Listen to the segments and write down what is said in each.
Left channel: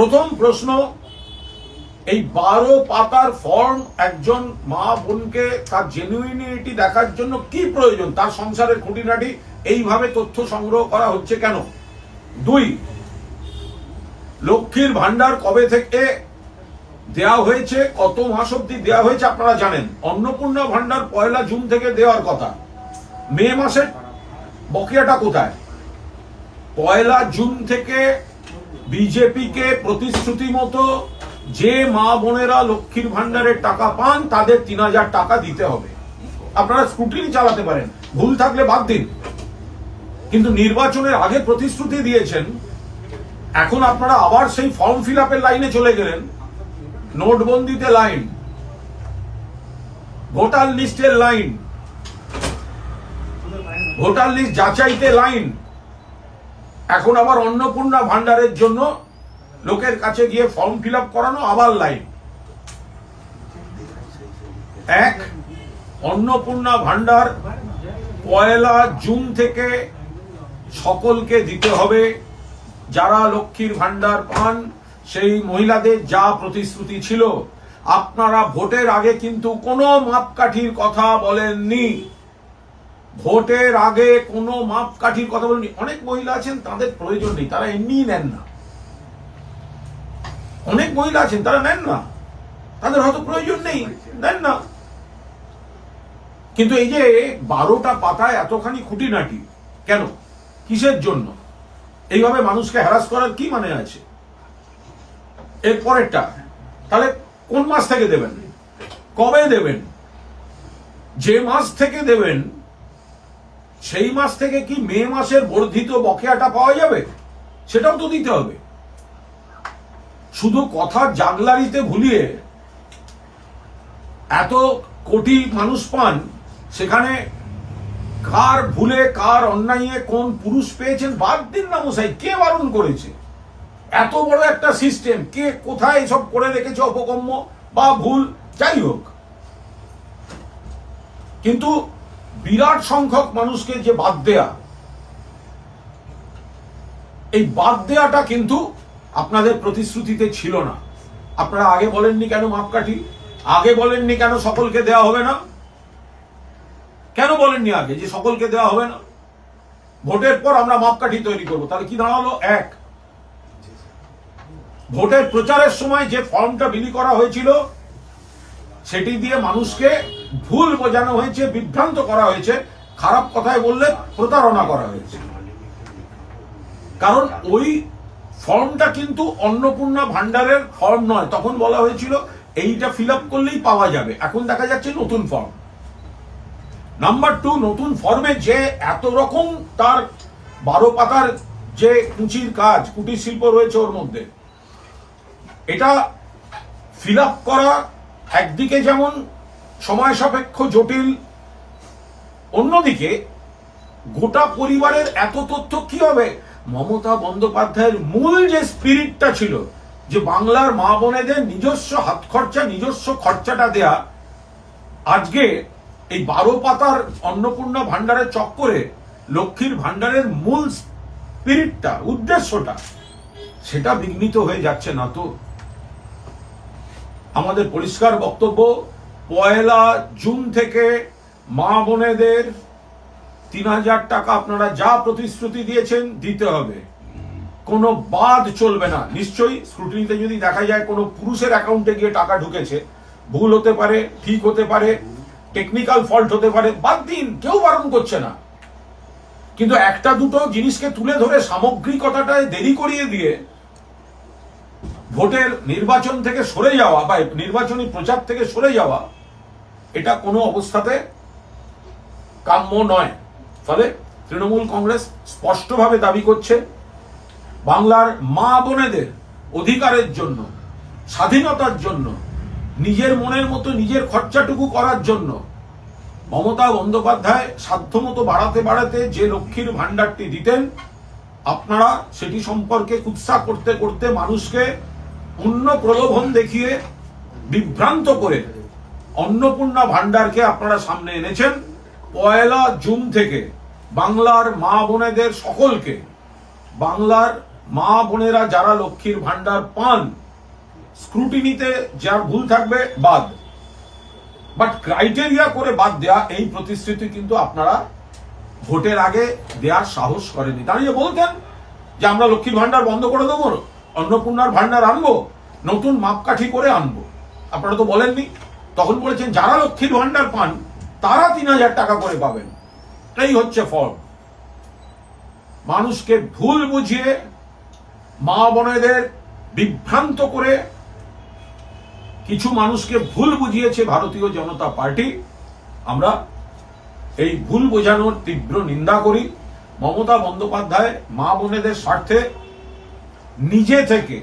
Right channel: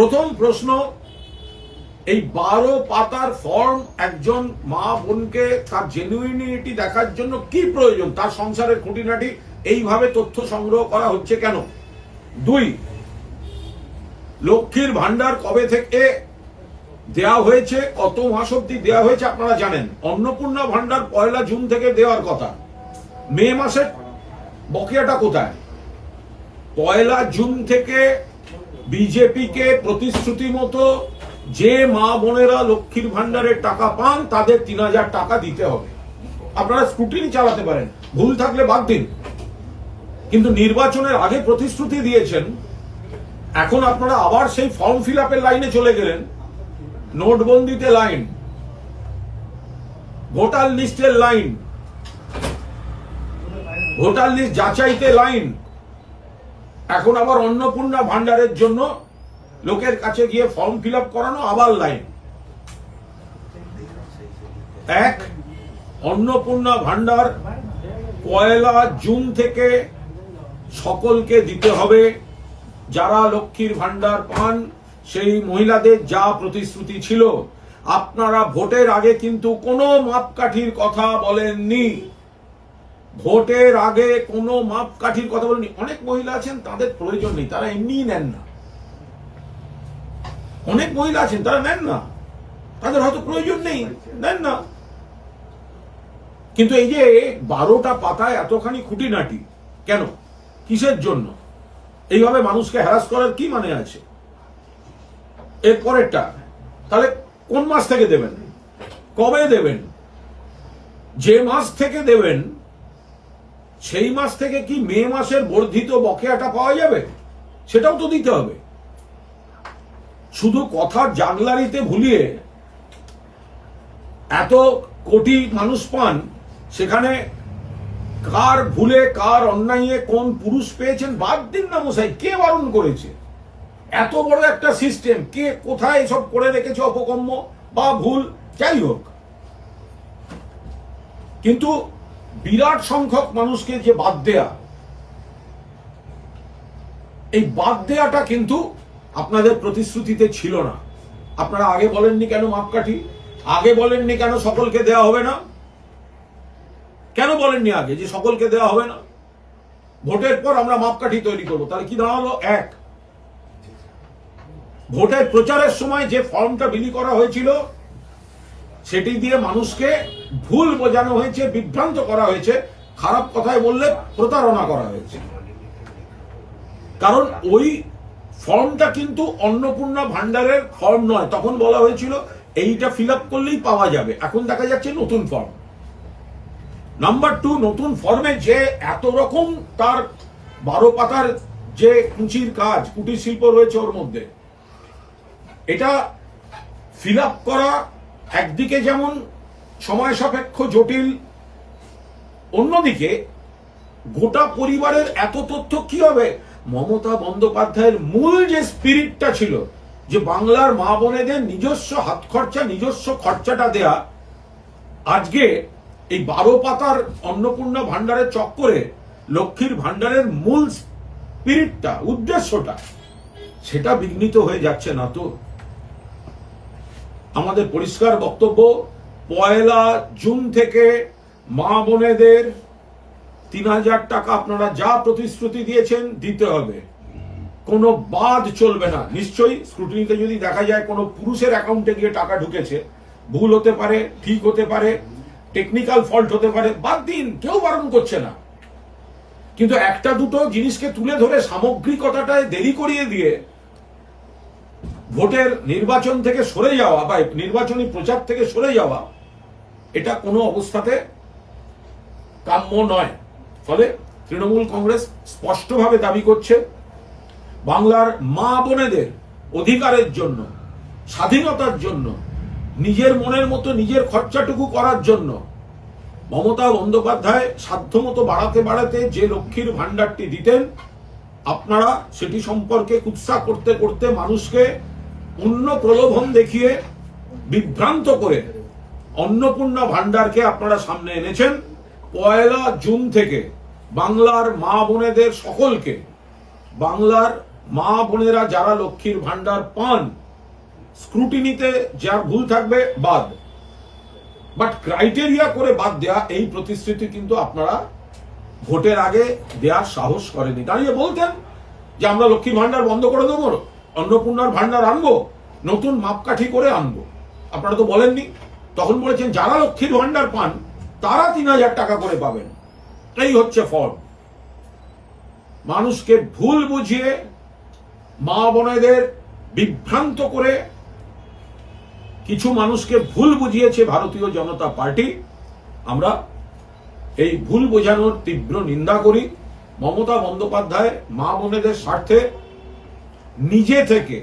প্রথম প্রশ্ন, এই 12 পাতার ফর্ম একজন মা বোনকে তার জেনুইনিটি দেখার জন্য কি প্রয়োজন, তার সংসারের খুঁটিনাটি এইভাবে তথ্য সংগ্রহ করা হচ্ছে কেন? 2, লক্ষ্মীর ভান্ডার কবে থেকে দেয়া হয়েছে, কত মাস অব্দি দেয়া হয়েছে আপনারা জানেন। অন্নপূর্ণা ভান্ডার 1 জুন থেকে দেওয়ার কথা, মে মাসের বকেয়াটা কোথায়? 1 জুন থেকে বিজেপিকে প্রতিশ্রুতি মতো যে মা বোনেরা লক্ষ্মীর ভান্ডারের টাকা পান তাদের 3000 টাকা দিতে হবে। আপনারা স্ক্রুটিনি চালাতে পারেন, ভুল থাকলে বাদ দিন, কিন্তু নির্বাচনের আগে প্রতিশ্রুতি দিয়েছেন, এখন আপনারা আবার সেই ফর্ম ফিল আপের লাইনে চলে গেলেন। নোটবন্দিতে লাইন, ভোটার লিস্টের লাইন, ভোটার লিস্ট যাচাইতে লাইন, এখন আবার অন্নপূর্ণা ভান্ডারের জন্য লোকের কাছে গিয়ে ফর্ম ফিল আপ করানো, আবার লাইন। অন্নপূর্ণা ভান্ডার 1 জুন থেকে সকলকে দিতে হবে। যারা লক্ষ্মীর ভান্ডার পান সেই মহিলাদের যা প্রতিশ্রুতি ছিল, আপনারা ভোটের আগে কিন্তু কোনো মাপকাঠির কথা বলেননি। ভোটের আগে কোনো মাপকাঠির কথা বলেননি। অনেক মহিলা আছেন তাদের প্রয়োজন নেই, তারা এমনিই নেন না। অনেক মহিলা আছেন তারা নেন না, তাদের হয়তো প্রয়োজন নেই, নেন না। কিন্তু এই যে 12টা পাতায় এতখানি খুঁটিনাটি কেন, কিসের জন্য? এইভাবে মানুষকে হ্যারাস করার কি মানে আছে? এর পরেরটা, তাহলে কোন মাস থেকে দেবেন, কবে দেবেন? যে মাস থেকে দেবেন সেই মাস থেকে কি মে মাসের বর্ধিত বকেয়াটা পাওয়া যাবে? সেটাও তো দিতে হবে। শুধু কথা জাগলারিতে ভুলিয়ে এত কোটি মানুষ পান, সেখানে কার ভুলে কার অন্যায়ে কোন পুরুষ পেয়েছেন বাদ দিন না মশাই, কে বারণ করেছে? এত বড় একটা সিস্টেম, কে কোথায় এসব করে রেখেছে অপকর্ম বা ভুল, যাই হোক। কিন্তু বিরাট সংখ্যক মানুষকে যে বাদ দেয়া, এই বাদ দেয়াটা কিন্তু আপনাদের প্রতিশ্রুতিতে ছিল না। আপনারা আগে বলেননি কেন মাপকাঠি, আগে বলেননি কেন সকলকে দেওয়া হবে না, কেন বলেননি আগে যে সকলকে দেওয়া হবে না? ভোটের পর আমরা মাপকাঠি তৈরি করবো। তাহলে কি দাঁড়ালো? ভোটের প্রচারের সময় যে ফর্মটা বিলি করা হয়েছিল সেটি দিয়ে মানুষকে ভুল বোঝানো হয়েছে, বিভ্রান্ত করা হয়েছে, খারাপ কথায় বললে প্রতারণা করা হয়েছে। কারণ ওই ফর্মটা কিন্তু অন্নপূর্ণা ভান্ডারের ফর্ম নয়। তখন বলা হয়েছিল এইটা ফিল আপ করলেই পাওয়া যাবে, এখন দেখা যাচ্ছে নতুন ফর্ম। নাম্বার 2, নতুন ফর্মে যে এত রকম তার 12 পাতার যে কুচির কাজ, কুটির শিল্প রয়েছে ওর মধ্যে, এটা ফিল আপ করা একদিকে যেমন সময় সাপেক্ষ, জটিল, অন্যদিকে গোটা পরিবারের এত তথ্য কি হবে? মমতা বন্দ্যোপাধ্যায়ের মূল যে স্পিরিটটা ছিল, যে বাংলার মা বোনেদের নিজস্ব হাত খরচা, নিজস্ব খরচাটা দেয়া, আজকে এই 12 পাতার অন্নপূর্ণা ভান্ডারের চক্করে লক্ষ্মীর ভান্ডারের মূল স্পিরিটটা, উদ্দেশ্যটা, সেটা বিঘ্নিত হয়ে যাচ্ছে না তো? আমাদের পরিষ্কার বক্তব্য, 1 জুন থেকে মা বোনেদের 3000 টাকা আপনারা যা প্রতিশ্রুতি দিয়েছেন দিতে হবে, কোনো বাদ চলবে না। নিশ্চয়ই স্ক্রুটিনিতে যদি দেখা যায় কোনো পুরুষের অ্যাকাউন্টে গিয়ে টাকা ঢুকেছে, ভুল হতে পারে, ঠিক হতে পারে, টেকনিক্যাল ফল্ট হতে পারে, বাদ দিন, কেউ বারণ করছে না। কিন্তু একটা দুটো জিনিসকে তুলে ধরে সামগ্রিকতাটায় দেরি করিয়ে দিয়ে ভোটের নির্বাচন থেকে সরে যাওয়া বা নির্বাচনী প্রচার থেকে সরে যাওয়া, এটা কোনো অবস্থাতে কাম্য নয়। ফলে তৃণমূল কংগ্রেস স্পষ্টভাবে দাবি করছে, বাংলার মা বোনেদের অধিকারের জন্য, স্বাধীনতার জন্য, নিজের মনের মতো নিজের খরচাটুকু করার জন্য মমতা বন্দ্যোপাধ্যায় সাধ্যমতো বাড়াতে বাড়াতে যে লক্ষ্মীর ভান্ডারটি দিতেন, আপনারা সেটি সম্পর্কে কুৎসা করতে করতে মানুষকে অন্য প্রলোভন দেখিয়ে বিভ্রান্ত করে অন্নপূর্ণা ভান্ডারকে আপনারা সামনে এনেছেন। 1 জুন থেকে বাংলার মা বোনেদের সকলকে, বাংলার মা বোনেরা যারা লক্ষ্মীর ভান্ডার পান, স্ক্রুটিনিতে যার ভুল থাকবে বাদ, বাট ক্রাইটেরিয়া করে বাদ দেয়া, এই প্রতিশ্রুতি কিন্তু আপনারা ভোটের আগে দেওয়ার সাহস করেনি। দাঁড়িয়ে বলতেন যে আমরা লক্ষ্মীর ভান্ডার বন্ধ করে দেবো, অন্নপূর্ণার ভান্ডার আনবো, নতুন মাপকাঠি করে আনবো। আপনারা তো বলেননি। তখন বলেছেন যারা লক্ষ্মীর ভান্ডার পান তারা 3,000 টাকা করে পাবেন। এই হচ্ছে ফল। মানুষকে ভুল বুঝিয়ে, মা বোনেদের বিভ্রান্ত করে কিছু মানুষকে ভুল বুঝিয়েছে ভারতীয় জনতা পার্টি। আমরা এই ভুল বোঝানোর তীব্র নিন্দা করি। মমতা বন্দ্যোপাধ্যায় মা বোনেদের স্বার্থে নিজে থেকে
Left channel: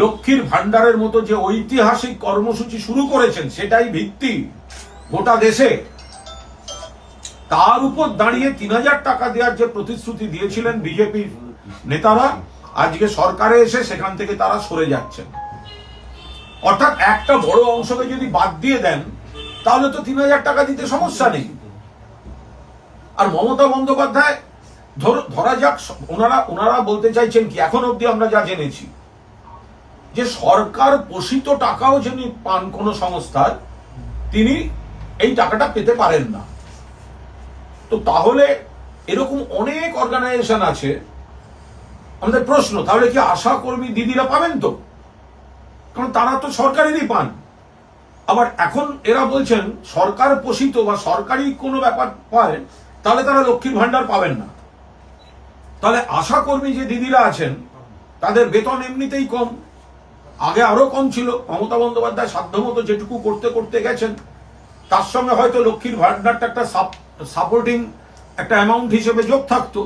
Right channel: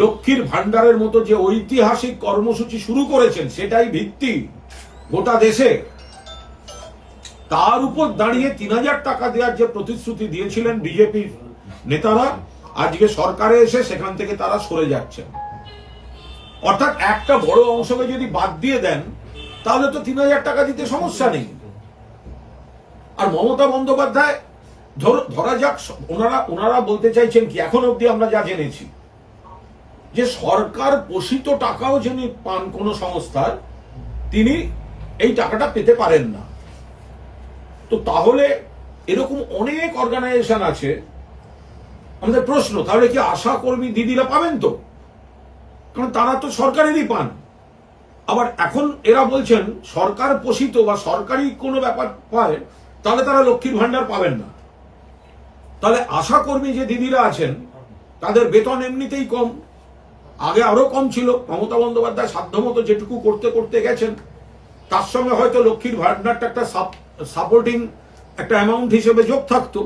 লক্ষ্মীর ভান্ডারের মতো যে ঐতিহাসিক কর্মসূচি শুরু করেছেন, সেটাই ভিত্তি গোটা দেশে। তার উপর দাঁড়িয়ে 3,000 টাকা দেওয়ার যে প্রতিশ্রুতি দিয়েছিলেন বিজেপির নেতারা, আজকে সরকারে এসে সেখান থেকে তারা সরে যাচ্ছেন। অর্থাৎ একটা বড় অংশকে যদি বাদ দিয়ে দেন তাহলে তো 3,000 টাকা দিতে সমস্যা নেই। আর মমতা বন্দ্যোপাধ্যায় ধরা যাক, ওনারা বলতে চাইছেন কি, এখন অব্দি আমরা যা জেনেছি যে সরকার পোষিত টাকাও যিনি পান কোন সংস্থার, তিনি এই টাকাটা পেতে পারেন না। তো তাহলে এরকম অনেক অর্গানাইজেশন আছে। আমাদের প্রশ্ন, তাহলে কি আশা কর্মী দিদিরা পাবেন? তো কারণ তারা তো সরকারেরই পান। আবার এখন এরা বলছেন সরকার পোষিত বা সরকারি কোনো ব্যাপার পায়, তাহলে তারা লক্ষ্মীর ভান্ডার পাবেন না। তাহলে আশা কর্মী যে দিদিরা আছেন তাদের বেতন এমনিতেই কম, আগে আরো কম ছিল। মমতা বন্দ্যোপাধ্যায় সাধ্যমতো যেটুকু করতে করতে গেছেন, তার সঙ্গে হয়তো লক্ষ্মীর ভান্ডারটা একটা সাপোর্টিং একটা অ্যামাউন্ট হিসেবে যোগ থাকতো।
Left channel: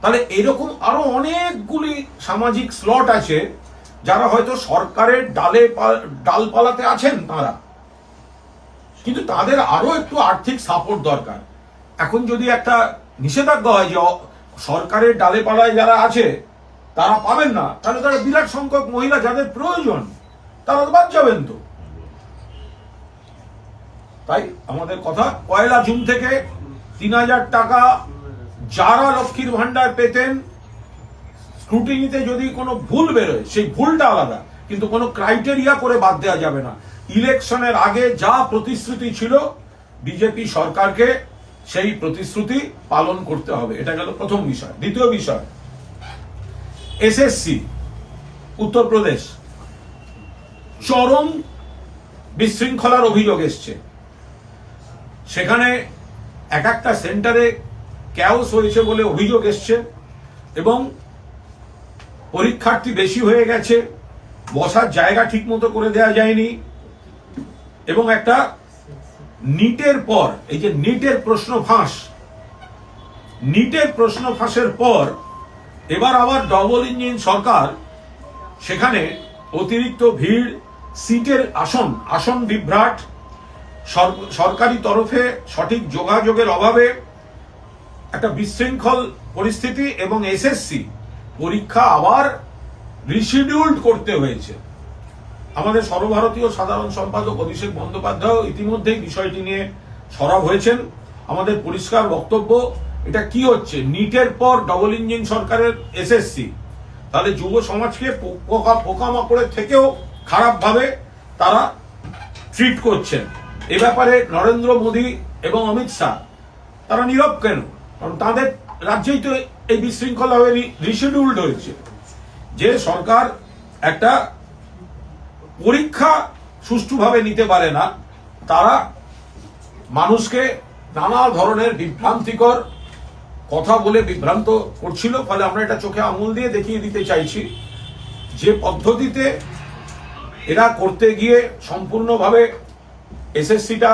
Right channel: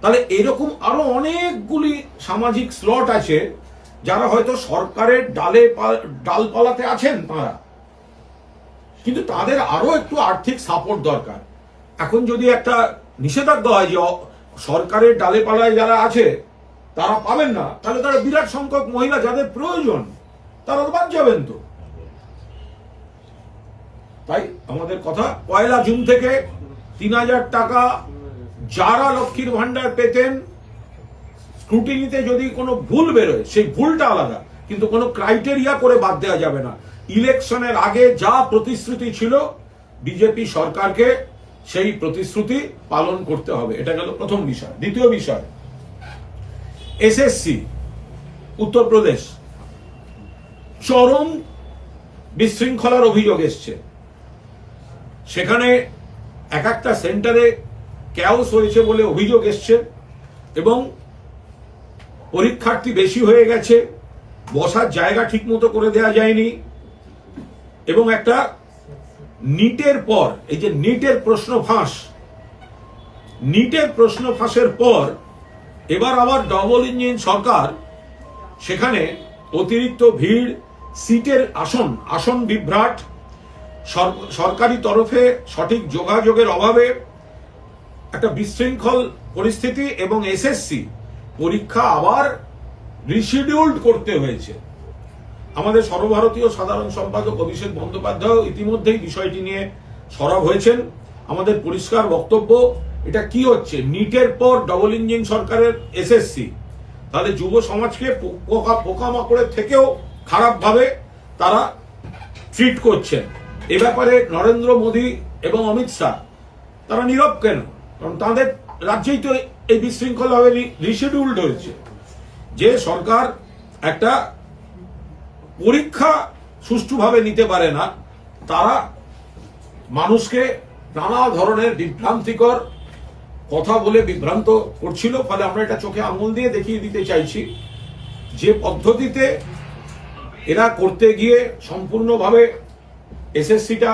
তাহলে এরকম আরো অনেকগুলি সামাজিক স্লট আছে যারা হয়তো সরকারের ডালপালাতে আছেন তারা, কিন্তু তাদের আরো একটু আর্থিক সাপোর্ট দরকার। এখন যদি একটা নিষেধাজ্ঞা হয় যে সরকারের ডালে পালায় যারা আছে তারা পাবেন না, তাহলে তারা বিরাট সংখ্যক মহিলা যাদের প্রয়োজন তারা তো বাদ যাবেন। তো তাই আমাদের কথা, 1 জুন থেকে 3,000 টাকা যারা লক্ষ্মীর ভান্ডার পেতেন, স্ক্রুটিনিতে যদি কোনো ভুল বেরোয় সেই ভুলটা আলাদা, কিন্তু কোনো ক্রাইটেরিয়া করে বাদ দেওয়া যাবে না। ইলেকশনের আগে যা প্রতিশ্রুতি ছিল বিজেপি সরকারকে সেই প্রতিশ্রুতি পালন করতে হবে। এটা গেল প্রথম বিষয়। দ্বিতীয় বিষয়, এসএসসি উত্তরপ্রদেশ চরম বিশৃঙ্খলার অভিযোগ এসছে। সেখানে এক একটা সেন্টারে ক্যাওস হয়েছে বলে অভিযোগ এসছে, এবং পরীক্ষার্থী বেশি হয়ে গেছে, বসার জায়গা ঠিক মতো করে দেওয়া যায়নি, এবং একটা নিটের পর, এই যে নিটের প্রশ্ন ফাঁসের পর এবার আবার ডবল ইঞ্জিন সরকার, সেখানে অতিরিক্ত ভিড়, সিটের আসন বিভ্রাট, সরকারি তরফে সঠিক যোগাযোগের অভাবে একটা বিশৃঙ্খল পরিস্থিতি, এবং এসএসসি পরীক্ষা আবার রিশিডিউল্ড করতে হয়েছে। আমাদের সর্বভারতীয় সাধারণ সম্পাদক অভিষেক বন্দ্যোপাধ্যায় ইতিমধ্যেই বিষয়টি নিয়ে সরব হয়েছেন। আমাদের পরিষ্কার বক্তব্য, এটা কি হচ্ছে? নিটের পর ডবল ইঞ্জিন সরকারের এসএসসি, তাহলে যুব সমাজকে পোকামাকড়ের থেকেও খারাপভাবে তারা ট্রিট করছেন। এ ব্যাপারে নরেন্দ্র মোদী এবং অমিত শাহ তারা নীরব কেন? কারণ তাদের রাজ্যেই তো এই বিশৃঙ্খলা ভাবে রিশিডিউল্ড হয়েছে। যে সরকার একটা পরীক্ষা সুষ্ঠুভাবে নিতে পারে না, তারা মানুষকে নানা ধরনের বিভ্রান্তিকর কথা বলে বিভ্রান্ত করছিল। ফলে আমরা এটা চোখে আঙুল দিয়ে দেখিয়ে দিতে চাইছি যে পদ্ধতিতে এরা করতে গিয়ে সম্পূর্ণভাবে এসএসসিটা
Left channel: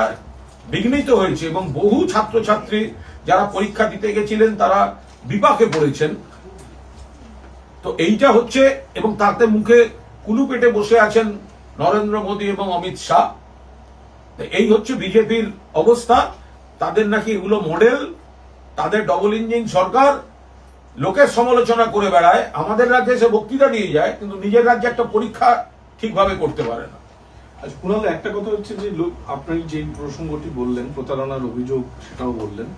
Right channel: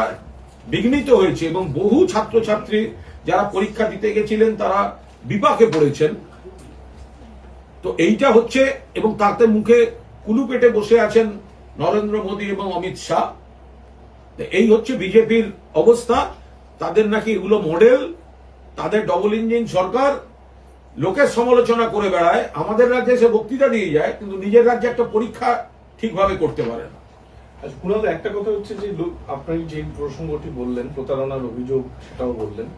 বিঘ্নিত হয়েছে, এবং বহু ছাত্রছাত্রী যারা পরীক্ষা দিতে গেছিলেন তারা বিপাকে পড়েছেন। তো এইটা হচ্ছে, এবং তাতে মুখে কুলু পেটে বসে আছেন নরেন্দ্র মোদী এবং অমিত শাহ। এই হচ্ছে বিজেপির অবস্থা। তাদের নাকি এগুলো মডেল, তাদের ডবল ইঞ্জিন সরকার, লোকের সমালোচনা করে বেড়ায়, আমাদের রাজ্যে এসে বক্তৃতা দিয়ে যায়, কিন্তু নিজের রাজ্যে একটা পরীক্ষা ঠিকভাবে করতে পারে না। একটা কথা হচ্ছে যে আপনি যে প্রসঙ্গটি বললেন, প্রতারণার অভিযোগ, সেটাও বললেন।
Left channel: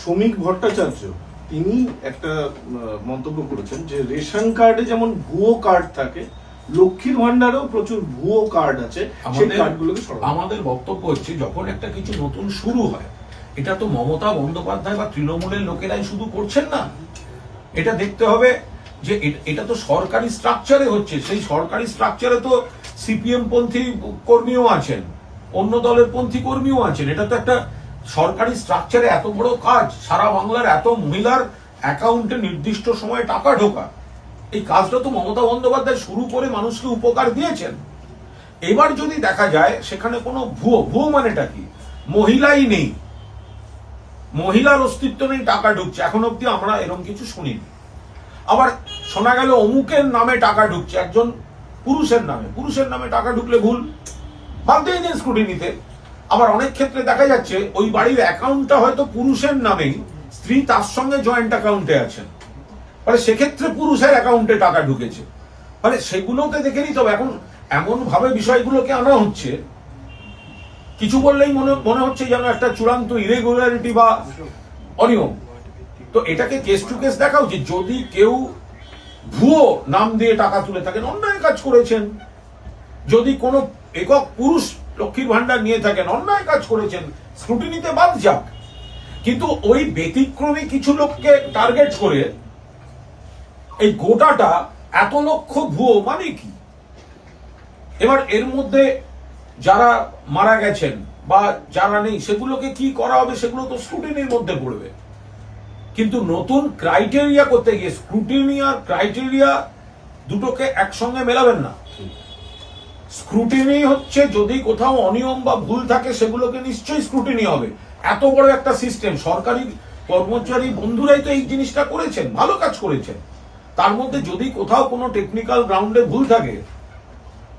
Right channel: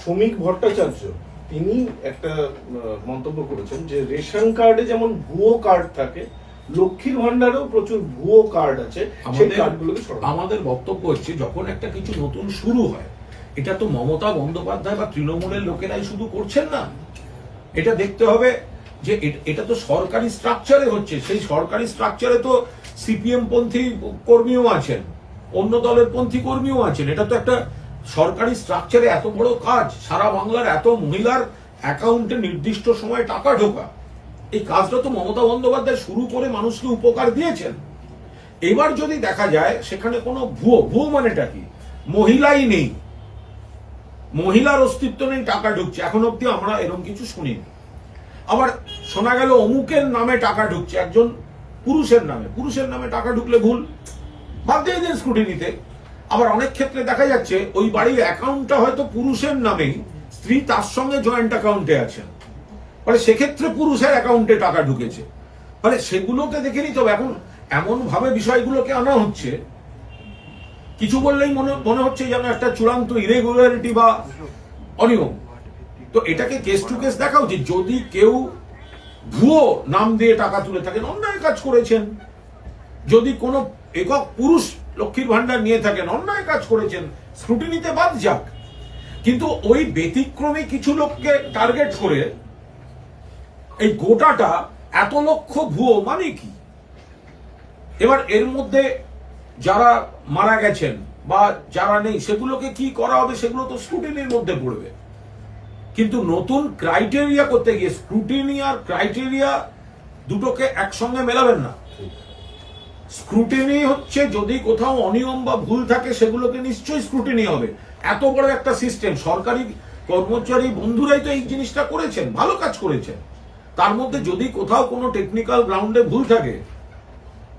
শ্রমিক ভট্টাচার্য তিনি একটা মন্তব্য করেছেন যে রেশন কার্ডে যেমন ভুয়ো কার্ড থাকে, লক্ষ্মীর ভান্ডারেও প্রচুর ভুয়ো কার্ড আছে, সেই কার্ডগুলোকে সরানো। আমাদের বক্তব্য হচ্ছে যখন একটা কিছু নতুন শুরু হয়, এটা তো মমতা বন্দ্যোপাধ্যায় বা তৃণমূলের লোকেরাই শুধু করছেন না। এটা দেখতে হবে যে এটা তো সরকারি স্ট্রাকচারে হচ্ছে, সেই সরকারি স্ট্রাকচারে তো সিপিএম পন্থী কর্মীও আছেন, অন্য দলের পন্থী কর্মীও আছেন। এটা তো একটা সরকারি স্ট্রাকচারে এত বড় কাজ, সারা বাংলার এত মহিলার অ্যাকাউন্টে নির্দিষ্ট সময়ে টাকা ঢোকা, এই কাজটা তো মমতা বন্দ্যোপাধ্যায় শুরু করে মানুষকে উপকার দিয়েছেন। এবার যদি দেখা যায় সেখানে কোনো ভুয়ো মানেটা কি, মহিলাই নেই, মহিলার অস্তিত্ব নেই, টাকা ঢুকছে, এখন অব্দি আমরা এরকম কিছু শুনিনি। আবার শোনা গেল অমুকের নামে টাকা ঢুকছে, একজন পুরুষের নামে টাকা ঢুকলে ভুল, বাদ দিয়ে দিন স্ক্রুটিনিতে। আবার অনেক ক্ষেত্রে দেখা যাচ্ছে ওই বাড়ির অ্যাকাউন্টটা হয়তো পুরুষের নামেই, স্ত্রী তার সঙ্গে জয়েন্ট অ্যাকাউন্টে আছেন, ফলে সেক্ষেত্রে পুরুষের অ্যাকাউন্টে টাকা ঢুকেছে। ফলে সেগুলোতে দেখে নিতে হবে। এখন এমন ভাবে বিষয়গুলোকে আনা হচ্ছে, কিছু বললেই মনে হচ্ছে যেন একটা চূড়ান্ত ইরেগুলারিটি বা অনিয়ম। তো এটাকে কেস টু কেস দেখা উচিত। যদি কেউ ভুয়ো নাম দিয়ে টাকা তুলে থাকেন, অন্যায় কাজ করেছেন। যদি কোনো একক পুরুষ লক্ষ্মীর ভান্ডার নিয়ে থাকেন, অন্যায় কাজ করেছেন, স্ক্রুটিনিতে বাদ যাক। কিন্তু ওই ব্যতিক্রমী কিছু লোককে টার্গেট করে এই গোটাটা এত লক্ষ ভুয়ো মানে কি? এবার এর মধ্যে যারা মারা গেছেন বা যারা নেই, সেগুলোকে কি করা হবে, সেগুলো তো স্ক্রুটিনির মধ্যে পড়বে। কিন্তু নতুন ক্রাইটেরিয়া করতে গিয়ে স্ক্রুটিনি আর ক্রাইটেরিয়া দুটোকে একসঙ্গে মেলাবেন না। স্ক্রুটিনি হচ্ছে যদি কোথাও অনিয়ম বা ভুল থাকে সেগুলোকে নিশ্চয়ই স্ক্রুটিনি হবে। এত বড় একটা সিস্টেম, সরকারি কর্মচারী বন্ধুরাই তো এই জিনিসটা করেছেন, ভালো কাজ করেছেন। তার মধ্যে যদি কোথাও কোনো টেকনিক্যাল গ্রাউন্ডে ভুল থাকে,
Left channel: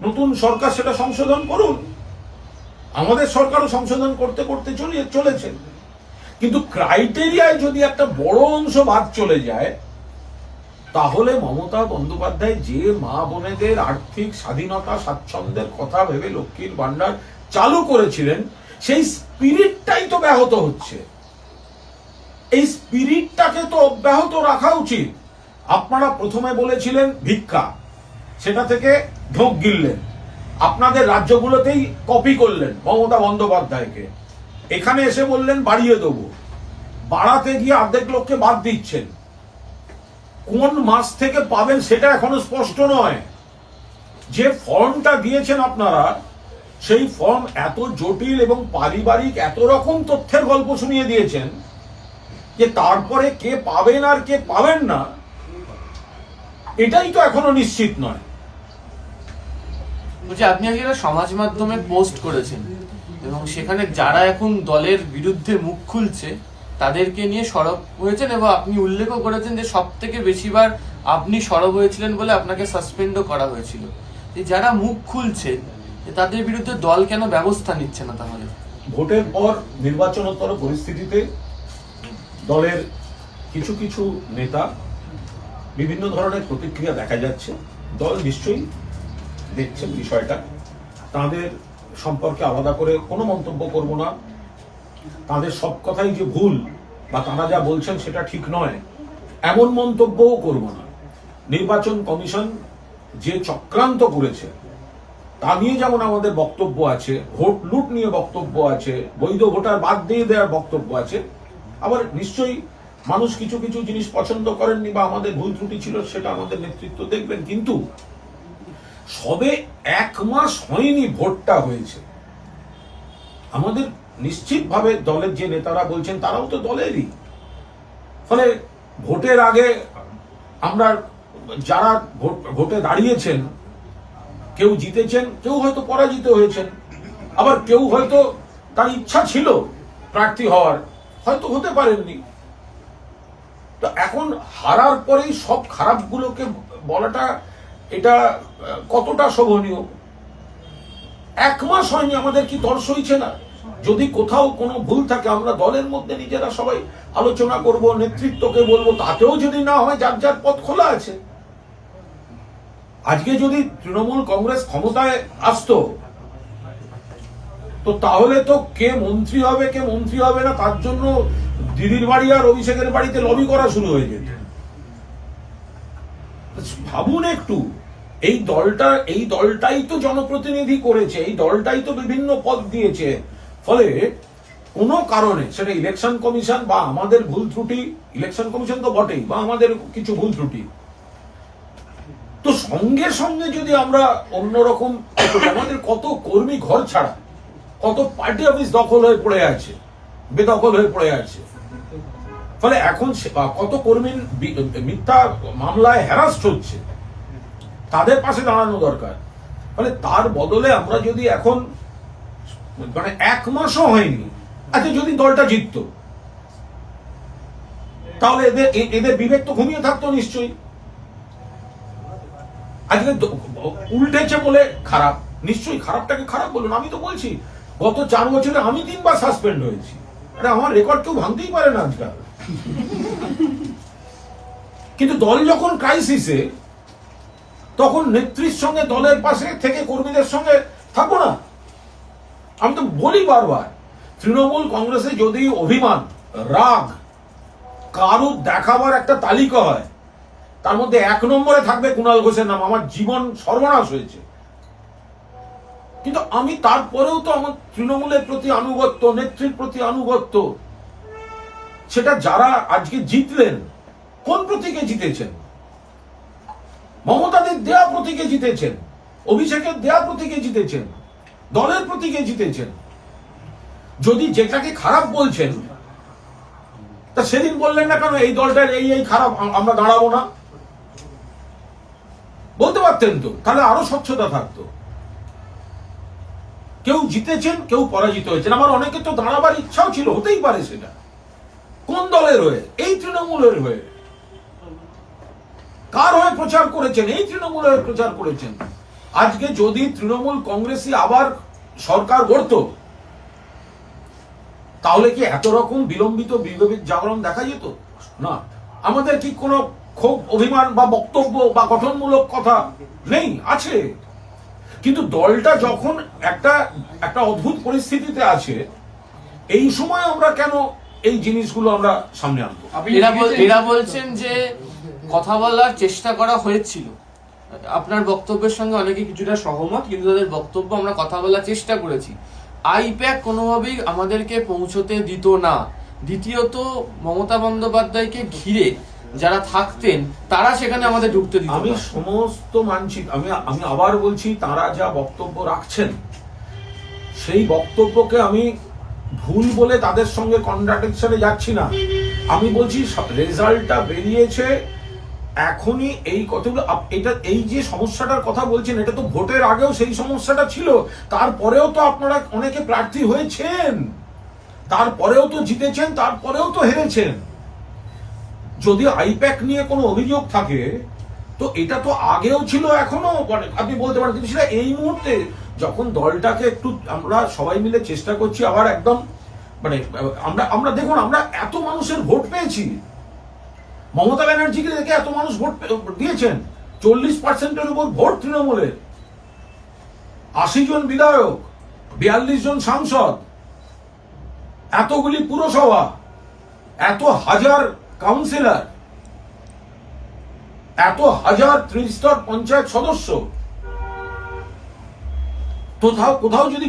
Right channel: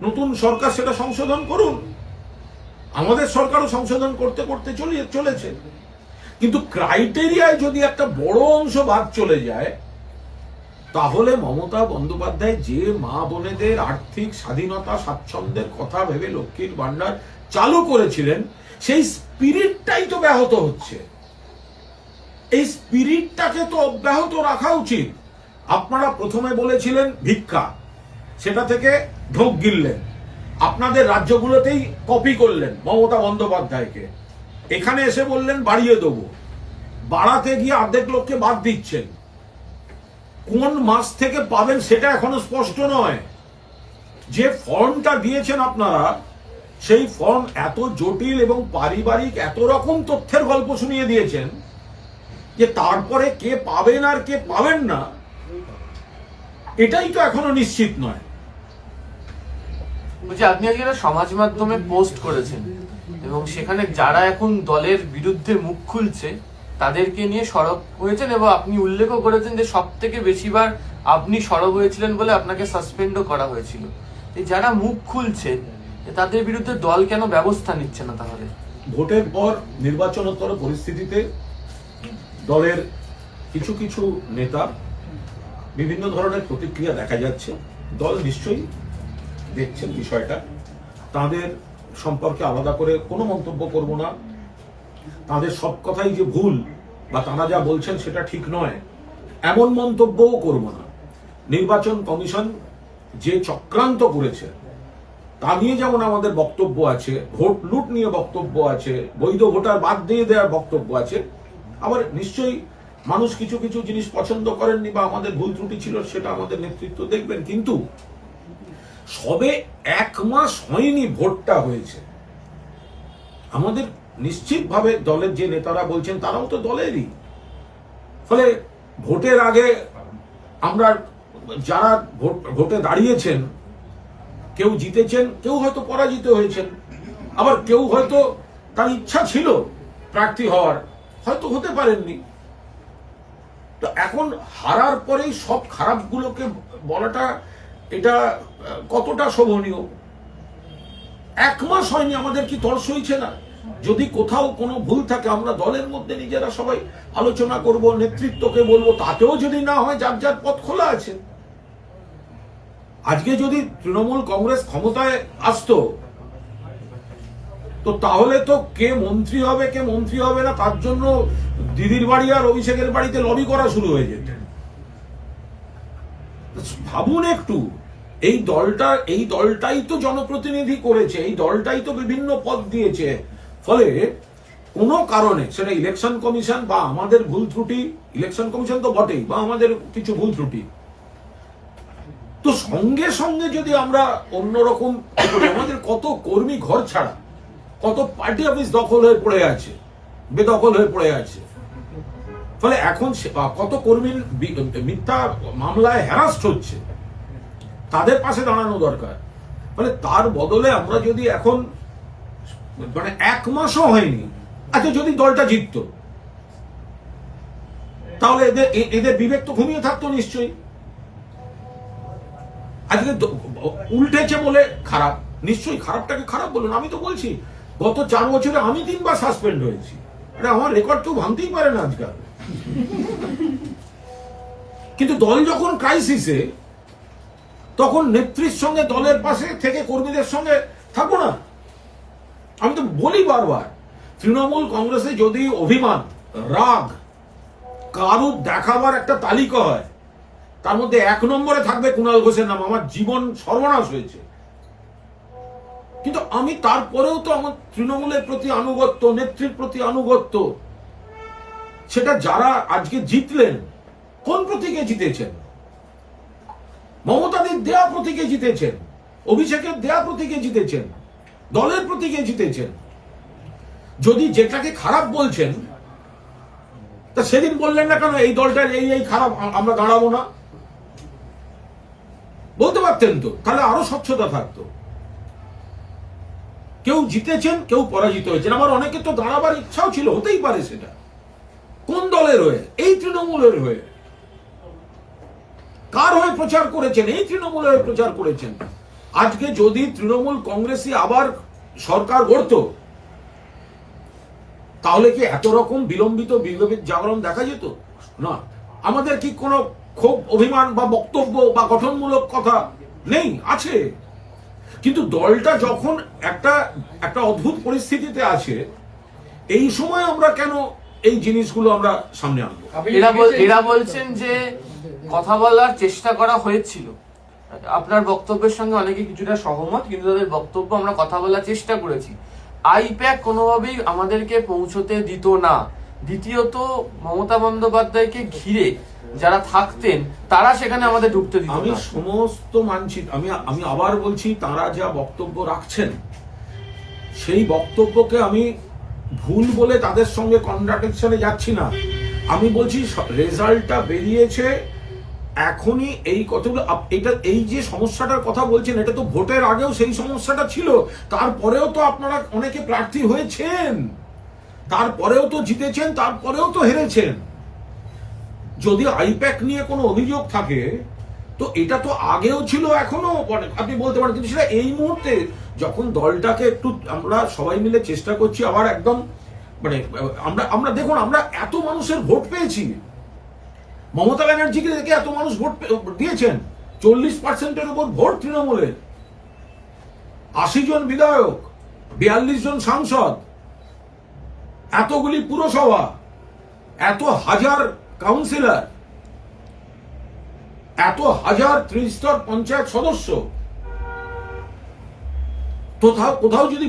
নতুন সরকার সেটা সংশোধন করুন। আমাদের সরকারও সংশোধন করতে করতে চলেছে। কিন্তু ক্রাইটেরিয়ায় যদি একটা বড় অংশ বাদ চলে যায়, তাহলে মমতা বন্দ্যোপাধ্যায় যে মা বোনেদের আর্থিক স্বাধীনতা স্বাচ্ছন্দ্যের কথা ভেবে লক্ষ্মীর ভান্ডার চালু করেছিলেন, সেই স্পিরিটটাই তো ব্যাহত হচ্ছে। এই স্পিরিটটাকে তো অব্যাহত রাখা উচিত। আপনারা প্রথমে বলেছিলেন ভিক্ষা, সেটা থেকে ঢোক গিললেন, আপনাদের রাজ্যগুলোতেই কপি করলেন মমতা বন্দ্যোপাধ্যায়কে। এখানে এসে বললেন বাড়িয়ে দেবো, বাড়াতে গিয়ে অর্ধেক লোককে বাদ দিচ্ছেন। কোন মাস থেকে পাবেন সেটা এখনো স্পষ্ট নয়। যে ফর্মটা দিয়েছেন আপনারা, সেই ফর্ম এত জটিল এবং পারিবারিক এত রকম তথ্যের গল্প শুনিয়ে দিয়েছেন যে তারপরে কে পাবেন আর কে পাবেন না, এটাই তো এখনো নিশ্চিত নয়। বলছি, আপনি আজকে একটা সমাজ মাধ্যমে পোস্ট করেছেন এবং সেখানে যারা এখন দলের বিরুদ্ধে মুখ খুলছে তাদেরকে নিয়ে সরব হয়েছেন, এবং আপনি উল্লেখও করেছেন যে সব থেকে বেশিবার আপনি সরব হয়েছিলেন বলে আপনাকে সাসপেন্ডও করা হয়েছিল। যারা মুখ খুলছে তাদের বিরুদ্ধে দল কেন ব্যবস্থা নিচ্ছে না? তাহলে ভোটের পর নির্বাচনোত্তর পরিস্থিতিতে দলের কিছু কিছু নেতা বিভিন্ন ধরনের প্রতিক্রিয়া দেখা যাচ্ছে। দল নিশ্চয়ই দেখছেন বিষয়টা, তাদের সম্পর্কে আলাদা করে কোনো মন্তব্য করব না। তাদের সব কথাই যে ভুল বা তারা যা বলছেন সেটা ঠিক নয়, এমন মন্তব্যও করব না। নির্বাচন কমিশন যে চক্রান্ত করেছে তা নিয়ে যেমন আমাদের বক্তব্য আছে, ভোট লুট নিয়ে বক্তব্য আছে, বৈধ ভোটার বাদ দিয়ে দেওয়ার বক্তব্য আছে। আবার নিশ্চয়ই মানুষ কিছু কিছু জিনিস পছন্দ করেননি বা আমাদের ভুল ত্রুটি ছিল, সেটা আমাদের নেতৃত্ব দেখবেন। কিন্তু সবে 1 মাস হয়নি ভোটটা হয়েছে, আমাদের নিশ্চিতভাবে দলের যে নেতারা বলছেন তারাও তো দলেরই। ফলে ভোটের আগে আমরা যারা ভোটে দাঁড়িয়েছেন, কেউ জিতেছেন, কেউ হয়তো পরাজিত হয়েছেন, আবার কেউ হয়তো তার ইচ্ছা ছিল প্রার্থী হওয়ার, হয়তো হতে পারেননি। তো এখন হারার পরেই সব খারাপগুলোকে বলাটা এটা কতটা শোভনীয়? 1 মাস হয়নি, আমাদের কি তর সইছে না? যদি কোথাও কোনো ভুল থাকে আমরা দলের মধ্যে নিজেরা সবাই আলোচনা করব, নেতৃত্বকে বলবো, তাতেও যদি না হয় যার যার পথ খোলা আছে। আজকে যদি তৃণমূল কংগ্রেস ক্ষমতায় আসতো, তো তাহলে তো কে মন্ত্রী হবে কে মন্ত্রী হবে না তার জন্য দিদির বাড়ি আর অভিষেকের বাড়িতে লবি করা শুরু হয়ে যেত। ভাবুন একটু, এই দলটাই তো জনপ্রতিনিধি করেছে, এই দলটাই তো বিভিন্ন পদ দিয়েছে, ফলে কোনো কারণে সেটা ইলেকশন কমিশন বা আমাদের ভুল ত্রুটি, ইলেকশন কমিশন তো বটেই, বা আমাদের কিছু ভুল ত্রুটি, তো সঙ্গে সঙ্গে যদি আমরা অন্যরকম করি, আমাদের কত কর্মী ঘর ছাড়া, কত পার্টি অফিস দখল হয়ে পড়ে আছে, বেদখল হয়ে পড়ে আছে, ফলে এখন কত কর্মীর মিথ্যা মামলায় হ্যারাস্ট হচ্ছে, তাদের পাশে দাঁড়ানো দরকার। ফলে তার বদলে আমরা যদি এখন মানে 1 মাসও হয়নি, আচ্ছা যদি দলটা জিততো তাহলে এদের বিবেক তো ঘুমিয়ে থাকতো নিশ্চয়ই। আজকে উল্টেছে বলে খারাপ, নিশ্চয়ই খারাপটাকে খারাপ বলুন। আমি তো বলছি গত 4 বছরে আমি 3 বার সাসপেন্ড হয়েছি, আরে আমার রেকর্ড কেউ ভাঙতেই পারে না আজকাল। কিন্তু দল যখন ক্রাইসিসে, তখন নেত্রীর সঙ্গে দলের পাশে থেকে কর্মীদের সঙ্গে থাকবো না? আমি তো বলি বারবার, তৃণমূল কংগ্রেসে যদি অভিমান, রাগ, কারুর দেখাবার একটা তালিকা হয়, তার মধ্যে 1 নম্বরে থাকবে কুণাল ঘোষের নাম। আমার জীবন সর্বনাশ হয়েছে, কিন্তু আমি তারপরেও তো আমার তৃণমূলের প্রতি আনুগত্য, নেত্রীর প্রতি আনুগত্য, সেটা যারা আজকে জিতলেন, কোন প্রতীকে জিতেছেন? মমতাদের দেয়া প্রতীকে জিতেছেন, অভিষেকের দেয়া প্রতীকে জিতেছেন, দলের প্রতীকে জিতেছেন। যদি যেটাকে খারাপ বলছেন, তা সেদিন বললেন না কেন এই দলটার এই খারাপ, আমরা দাঁড়াবো না? বলতে পারতেন তো, তাহলে আরো স্বচ্ছতা থাকতো। কেউ জিতেছেন, কেউ পরাজিত হয়েছেন। আমার অনেকে তো দাঁড়াবার ইচ্ছাও ছিল, হতেই পারে। সেটা কোন দলের হয়ে? এই তৃণমূলের হয়ে। কার হয়ে প্রচার করেছেন? এই তৃণমূলের হয়ে প্রচার করেছেন। আজকে যদি তৃণমূল কংগ্রেসই আবার সরকার গড়ত, তাহলে কি এত রকম বিলম্বিত বিবেক জাগরণ দেখা যেত? না। আমাদের কি কোনো ক্ষোভ, অভিমান বা বক্তব্য বা গঠনমূলক কথা নেই? আছে। কিন্তু দলটা যখন একটা অদ্ভুত পরিস্থিতিতে আছে, এই সময় আমরা কেন এই জিনিসগুলো আমরা সামনে আনবো? এরা বলছেন যে কথা বলার চেষ্টা করা হয়েছিল। আপনার বক্তব্যের সঙ্গে অনেকে কিছুটা সহমত, কিন্তু তাদের বক্তব্য আমরা কথা বলার চেষ্টা করেছি। আইপ্যাক কোনোভাবেই আমাদেরকে পৌঁছতে দিত না। দ্বিতীয়ত, মমতা বন্দ্যোপাধ্যায়কে ঘিরে যারা থাকতেন তারা সেখানে আমাদের ঢুকতে দিত না। আমি সমস্ত মানছি, আমি আবার বলছি, তারা যা বক্তব্য রাখছেন সেই বক্তব্যকে আমি ভুল বলে তাদের সঙ্গে কন্ট্রাডিকশনে যাচ্ছি না। আমি বলছি রেজাল্টটা বেরিয়েছে এখনই, এই কতগুলো এটা, এই যে সমস্যাটার কথা বলছেন, এটা তো ভোটের আগেও সেই সমস্যাটা ছিল। তারপরেও তো আপনারা অনেকে প্রার্থী হয়েছেন, তারপরেও তো জিতেছেন, তারপরেও তো হেরেছেন। যদি আইপ্যাক নিয়ে কোনো অভিযোগ থাকে, তো এটা তো আগেও ছিল, এখনো আপনি বলতে পারেন। কিন্তু সেটা এই মুহূর্তে যখন দলটাকে একটু আমরা সবাই মিলে চেষ্টা করছি আবার একদম আমরা দেখুন, আমরা এত মানুষের ভোট পেয়েছি। মমতা ব্যানার্জিকে দেখে এত মানুষ ভোট দিয়েছেন। 40% উপর ভোট তৃণমূলের, 80 জন বিধায়ক, 42 জন সাংসদ, এতগুলি পুরসভা, এত হাজার কাউন্সিলর, এত হাজার ত্রিস্তর পঞ্চায়েত সদস্য। কোথাও যদি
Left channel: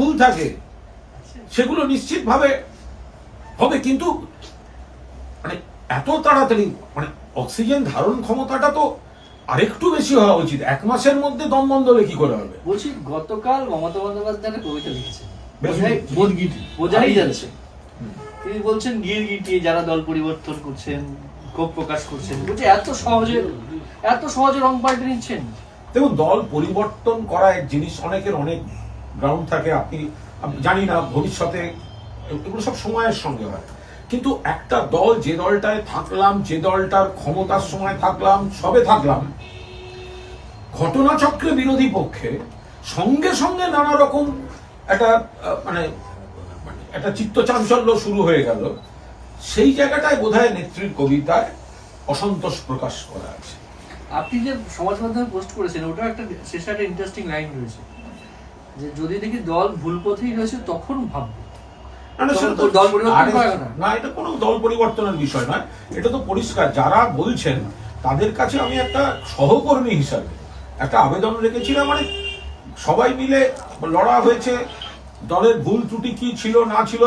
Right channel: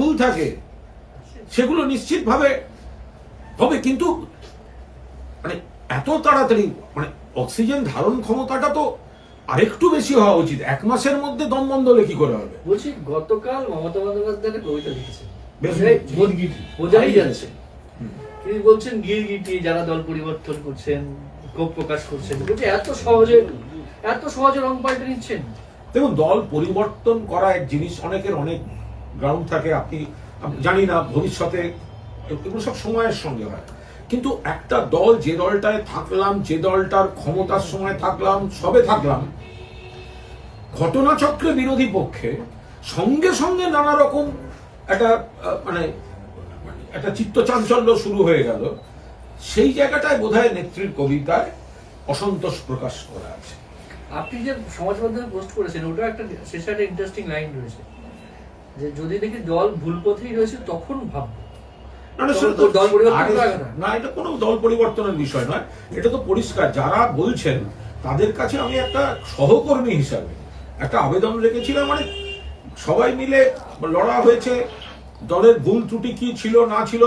ভুল থাকে সেগুলো নিশ্চিতভাবে হবে। কিন্তু এত তাড়াতাড়ি অক্সিজেন ধারণ ক্ষমতাটা তো আরেকটু বেশি হওয়া উচিত। 1 মাসের মধ্যে দম বন্ধ হলে কি করে হবে? বলছি, গতকাল মমতা বন্দ্যোপাধ্যায় কবিতা লিখেছেন, বেশ বোঝাই যাচ্ছে। তিনি বলছেন গিরগিটি যারা দল পরিবর্তন করছেন, ক্ষোভ প্রকাশ করছেন, বলছে এত সহজে রং পাল্টে নিচ্ছেন। দেখুন, দল পরিবর্তন করা এক জিনিস, অনেকের অনেক গ্রাউন্ড থাকে। আপনি জানি না ভবিষ্যতে এগুলো সব সময়ের সঙ্গে হয়। কিন্তু একটা দল, যে দলটায় থাকলাম, যে দলটার ক্ষমতার সময় থাকলাম, সবে থাকলাম, ঘটনাচক্রে বিরোধী পক্ষে সঙ্গে সঙ্গে নানা রকম একটা চিত্তচাঞ্চল্য শুরু হয়ে গেল। সেই জায়গাটায় বোধহয় নেত্রীর কবিতায় অসন্তোষ প্রকাশ করা আছে। আপনি যে সমাজ মাধ্যমে পোস্ট করেছেন, ওটা একটা শেষে একটা ইন্টারেস্টিং লাইন রয়েছে যে যদি দেখি দল ভুল পথেই রয়েছে তখন ভাববো। না, না, সেটা তো দল পরিবর্তন আরে, হয় না। না, এটা কোনো দল পরিবর্তনের বিষয় নয়, এটা তো পরিষ্কার। যারা বলছেন তাদের কাছে আমি একটা সহকর্মী হিসাবে একটা আবেদন রেখেছিলাম, মানে সবাই মিলে লড়া হয়েছে, দলের ভুল ত্রুটি কি ছিল না ছিল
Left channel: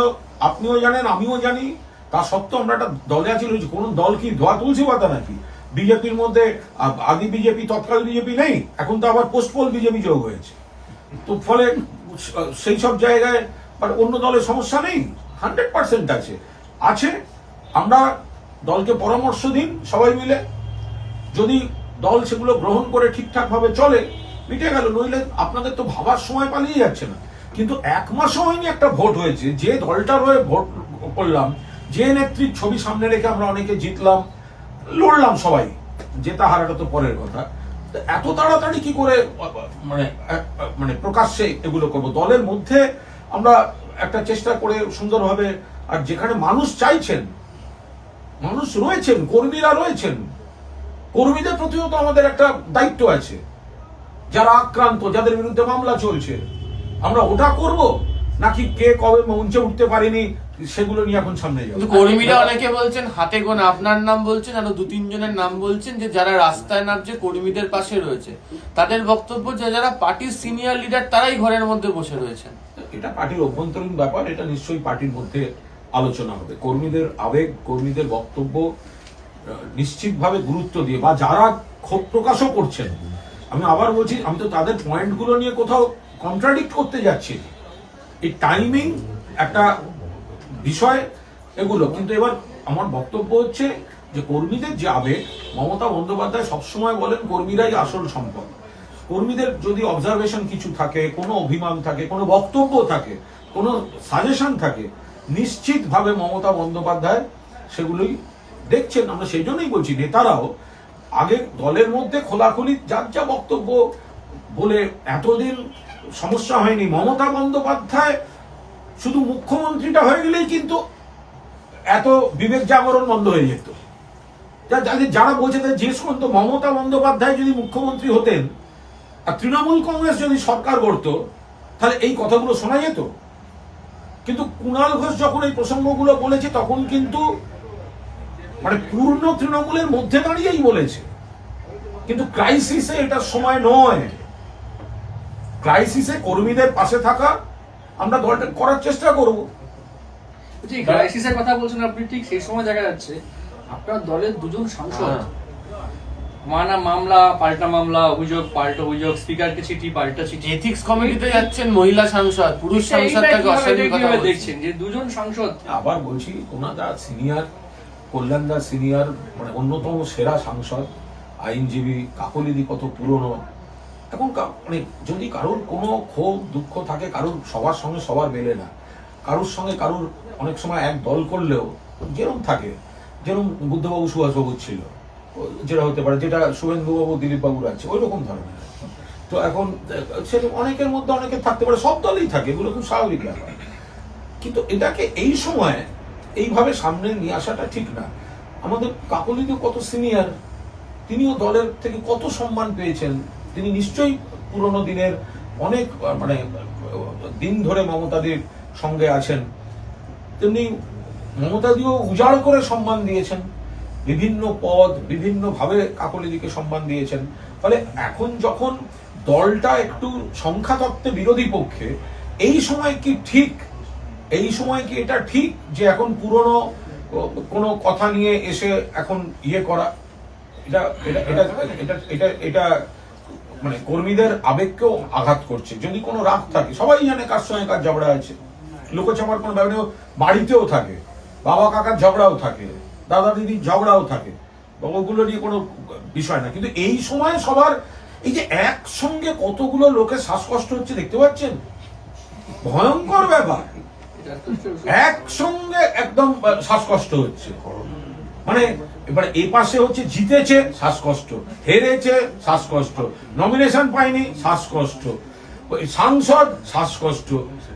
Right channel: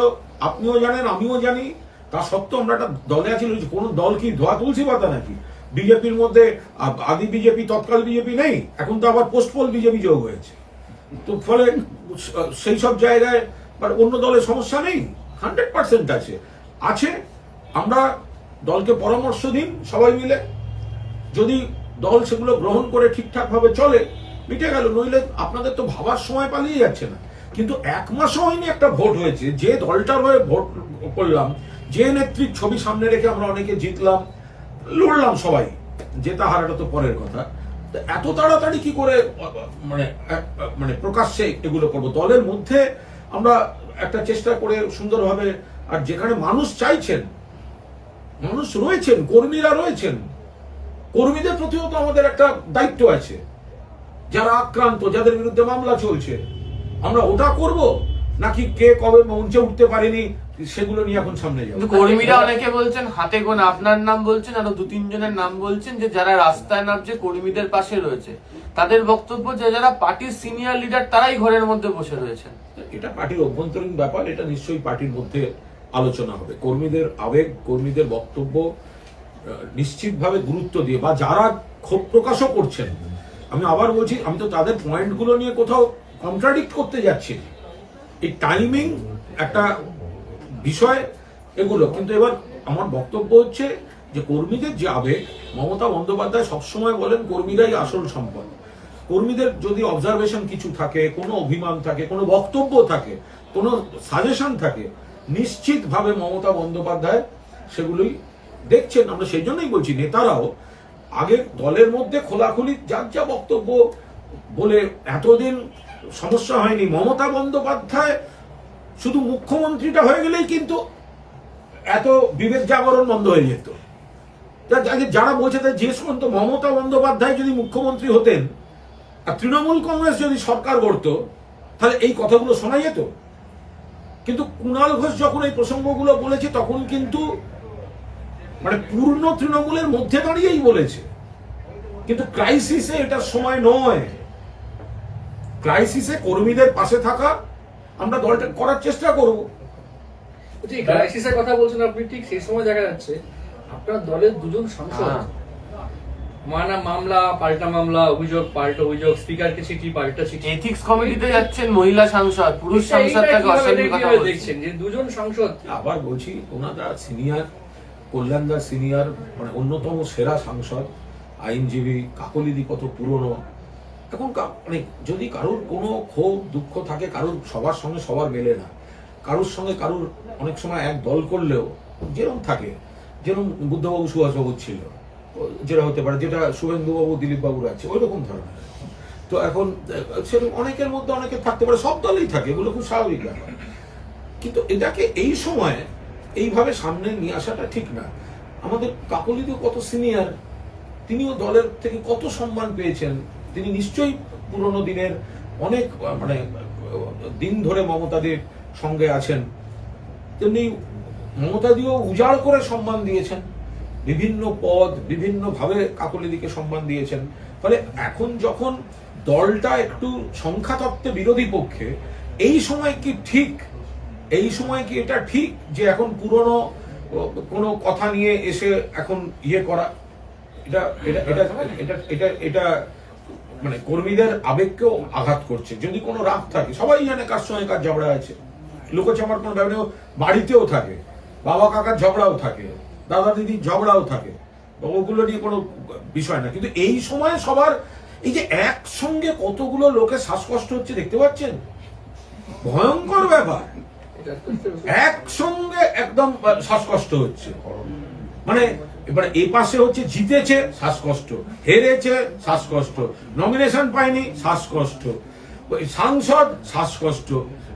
আপনিও জানেন, আমিও জানি। তা সত্ত্বেও আমরা একটা দলে আছি। কোন দল কি ধোয়া তুলসী পাতা নাকি? বিজেপির মধ্যে আদি বিজেপি, তৎকাল বিজেপি নেই, এখন তো আবার পোস্টপোল বিজেপি যোগ হয়েছে। তো ফলে সেই সব জায়গায় আর অন্য দলের সমস্যা নেই, 100% আছে। আমরা দলকে পরামর্শ দিন সবাই মিলে, যদি দল সেগুলো গ্রহণ করে ঠিকঠাক ভাবে চলে মিটে গেল, নইলে আপনাদের তো ভাবার সময় পালিয়ে যাচ্ছে না। কিন্তু 1 মাসও হয়নি একটা ভোট হয়েছে, যে দলটার হয়ে ভোট করলাম, যে নেত্রীর ছবি সামনে রেখে আমরা অনেকে জিতলাম, লড়লাম সবাই, জেতা হারাটা তো পরের কথা। তো এত তাড়াতাড়ি কি করে মানে প্রকাশ্যে এগুলো করবো? দলের মধ্যে আমরা একটা চেষ্টা করে সুন্দরভাবে, আর যেখানে মানুষ চাইছেন, মানুষ রয়েছেন, কর্মীরা রয়েছেন, কর্মীদের প্রতিও তো আমাদের একটা দায়িত্ব আছে। যারা আক্রান্ত, যাদের বিরুদ্ধে মামলা চলছে, আমরা ওটা করব নাকি কে কবে মঞ্চে উঠতে পারেনি সেগুলো নিয়ে এখন সামনে যাবো? কিন্তু কর্মীরা অনেকে বলছেন, হাতে গোনা আপনার নাম বলছেন, আরো 2-3 জনের নাম বলছেন, যে যারা রাস্তায় নামছে কর্মীদের পাশে রয়েছে। তাদের বক্তব্য যে যারা পার্টির সিনিয়র লিডার তারাই ঘরের মধ্যে বসে রয়েছেন। এটা পার্টির অভ্যন্তরীণ ব্যাপার, এটা নিশ্চয়ই পার্টির মধ্যে আলোচনা হবে। কর্মীদের আবেগ, কর্মীদের বক্তব্য নিশ্চিতভাবে গুরুত্ব দিয়ে, বা যারা ক্ষোভ প্রকাশও করছেন, আমি আবার বলছি, আমি তো তাদের পয়েন্টগুলো নিয়ে কোথাও কন্ট্রাডিক্ট করতে যাচ্ছি। এই টাইমিং একটা বিষয় এগুলো, কিন্তু এবার আমার বক্তব্য হচ্ছে যে কর্মীদের যে আবেগ, মমতা বন্দ্যোপাধ্যায় সবসময় বলেন কর্মীরাই আসল সম্পদ। কর্মীদের যদি অবজারভেশন কিছু থাকে, কোনো অভিমান থাকে, কোনো বক্তব্য থাকে, কোনো সাজেশন থাকে, নিশ্চিতভাবে মমতা বন্দ্যোপাধ্যায় সেগুলোই দেখছেন। আমরা সেই জন্যই বলছি নেতারাও আগে দলের মধ্যে খোলাখুলি যার যা বক্তব্য বলে এতদিন সমস্যা হয়নি। মমতা বন্দ্যোপাধ্যায় শুধু মুখ্যমন্ত্রীটা হয়ে গেলেই কিন্তু এত বিবেক জাগরণ বন্ধ হয়ে যেত। যারা বলছে তাই জিজ্ঞেস করুন তো, মমতা বন্দ্যোপাধ্যায় যদি মুখ্যমন্ত্রী হতেন আর তৃণমূল কংগ্রেস যদি সরকার গড়ত, তাহলে এই কথাগুলো শোনা যেত? কিন্তু কুণাল ঘোষ যখন এই প্রসঙ্গগুলো বলেছে, তখন কিন্তু মানে পূর্ণ তৃণমূলের মধ্যে দাঁড়িয়েই বলেছে। কিন্তু ক্রাইসিসে এটার সময় নয়। ক্রাইসিসে কর্মীদের পাশে থাকা আমরা দলটা করার চেষ্টা করব। যে ক্রাইসিসের কথা বলছেন আপনি, ঠিক সেই সময় দেখা যাচ্ছে আপনার দলের 2 জন সাংসদ মামলা পাল্টা মামলা, অভিযোগ পাল্টা অভিযোগ, স্পিকারকে চিঠি পাল্টা চিঠি, এথিক্স কমিটিতে যাচ্ছেন মহিলা সাংসদ, পুরুষ সাংসদ তাকে অশ্লীল কথা বলছেন। দেখছেন যে 2 জন সাংসদ। আবার বলছি, ওনাদা সিনিয়র, কল্যাণদা সিনিয়র, মানে অন্যতম সেরা সাংসদ, আইনজীবী, কাকলিদি কত পুরনো। এখন মানে যদি কারোর কোনো ক্ষোভ দুঃখ থাকে, কারোর সবার সঙ্গে সবার মেলে না, কারোর সঙ্গে কারোর অনেক সময় এক দল করলেও যেরকম থাকে, যেরকম বুদ্ধবাবু সুভাষবাবু ছিল, যেটা হতে পারে, যেটা শুভেন্দুবাবু দিলীপ বাবুর আছে, ওই রকম ধরনের। তো এখন সেরকম অনেকের মধ্যে অনেকের থাকতে পারে, সব দলেই থাকে, এগুলো খুব স্বাভাবিক ব্যাপার। কিন্তু এটাকে এই সময় এইভাবে সামনে নিয়ে আসাটা ঠিক না। আমাদের কাকলিদিও কত সিনিয়র, তিনিও দলের থেকে কত সম্মান পেয়েছেন, তিনি নিশ্চয়ই পুরনো দিনের অনেক মানে দিন ধরে মমতাদির সঙ্গে আছেন। তেমনি মমতাদিও উজাড় করে সম্মান দিয়েছেন, বিভিন্ন পদ বিভিন্ন ভাবে কাকলিদিকে সম্মান দিয়েছেন। ফলে এখন যখন দলটা একটু সংখ্যাতত্ত্বে বিরোধী পক্ষে, এই সময় কি ঠিক, এই সময় কি এটা ঠিক যে এখন পুরনো কোনো কথা নিয়ে এসে এখন ইয়ে করা? এটা এটা এটা এটা এটা এটা মানে কর্মীদের আবেগকেও আঘাত করছে। যদি কোনো রাগ থাকে, সবাই জানে কার সঙ্গে কার ঝগড়া আছে, লোকচামার কোনো ব্যাপারে, বাড়িতেও থাকে, বাবা কাকার ঝগড়াও থাকে, দাদা দিদির ঝগড়াও থাকে, ওগুলো নিয়ে কোনো বিষয় না। কিন্তু এই সময় সবার এই যে একসঙ্গে কতগুলো লোকের শ্বাসকষ্ট হচ্ছে দেখতে পাচ্ছেন, ভয়ঙ্কর ব্যাপার। একসঙ্গে একদম শ্বাসকষ্ট হচ্ছে, মানে এবারে এই পাশে হচ্ছে জিতেছে শ্বাসকষ্ট, হেরেছে শ্বাসকষ্ট, নমিনেশন পায়নি শ্বাসকষ্ট, সাংসদ শ্বাসকষ্ট।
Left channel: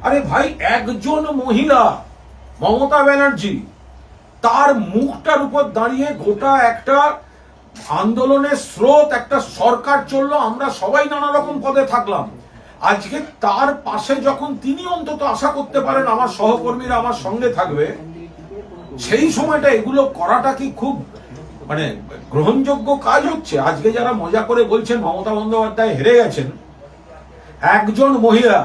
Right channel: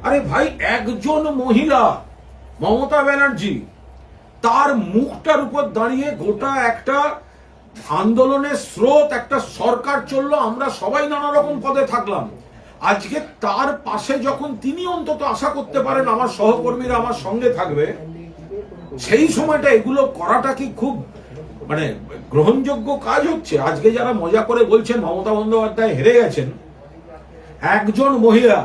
আরে ভাই, একজন মহিলা মমতা ব্যানার্জি, তার মুখটার উপর দাঁড়িয়ে গোটা একটা আন্দোলনের স্রোত, একটা সরকার চললো, আমরা সবাই নানা রকম পদে থাকলাম, আজকে তার পাশে যখন তিনি অন্তত আশা করতে পারেন আমার সহকর্মীরা আমার সঙ্গে থাকবে, সেই সময়টা এগুলো করাটা কি খুব মানে গ্রহণযোগ্য কাজ হচ্ছে? আজকে যারা মজা করে বলছেন মমতা বন্দ্যোপাধ্যায় হেরে গেছেন, একজন মহিলা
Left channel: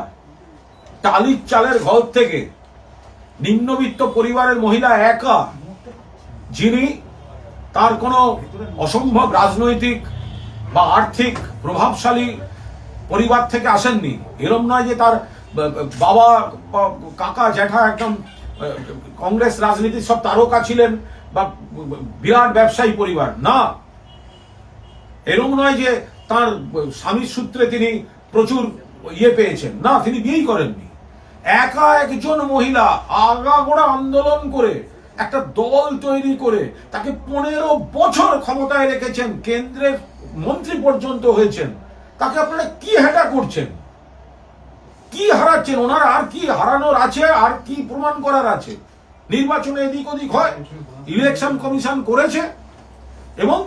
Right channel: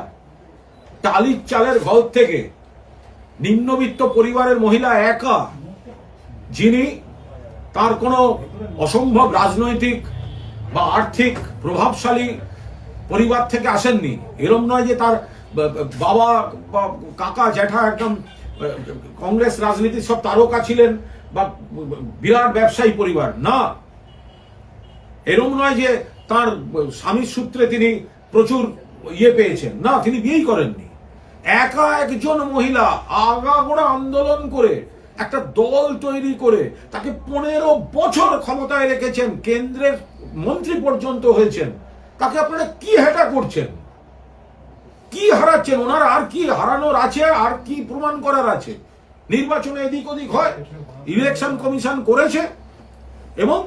টালির চালের ঘর থেকে নিম্নবিত্ত পরিবারের মহিলা একা, যিনি তার কোনো অসম্ভব রাজনৈতিক বা আর্থিক প্রভাবশালী পরিবার থেকে আসেননি, এরম নয় যে তার বাবা বা কাকা জ্যাঠা একদম কংগ্রেস রাজনীতির সব তারকা ছিলেন বা বিরাট ব্যবসায়ী পরিবার, না। এরম নয় যে তার স্বামীর সূত্রে তিনি প্রচুর ইয়ে পেয়েছেন, না, তিনি বিয়েই করেননি। একা একজন মহিলা আগাগোড়া আন্দোলন করে একটা দল তৈরি করে তাকে 15 বছর ক্ষমতায় রেখেছেন, কেন্দ্রের মন্ত্রী পর্যন্ত হয়েছেন। তাকে আপনারা কি হেটা করছেন? কি হারাচ্ছেন? ওনার আর কি হারানোর আছে? আর কি প্রমাণ করার আছে? নির্বাচনে এদিক ওদিক হয়, ইলেকশন কমিশন করেছে, এবং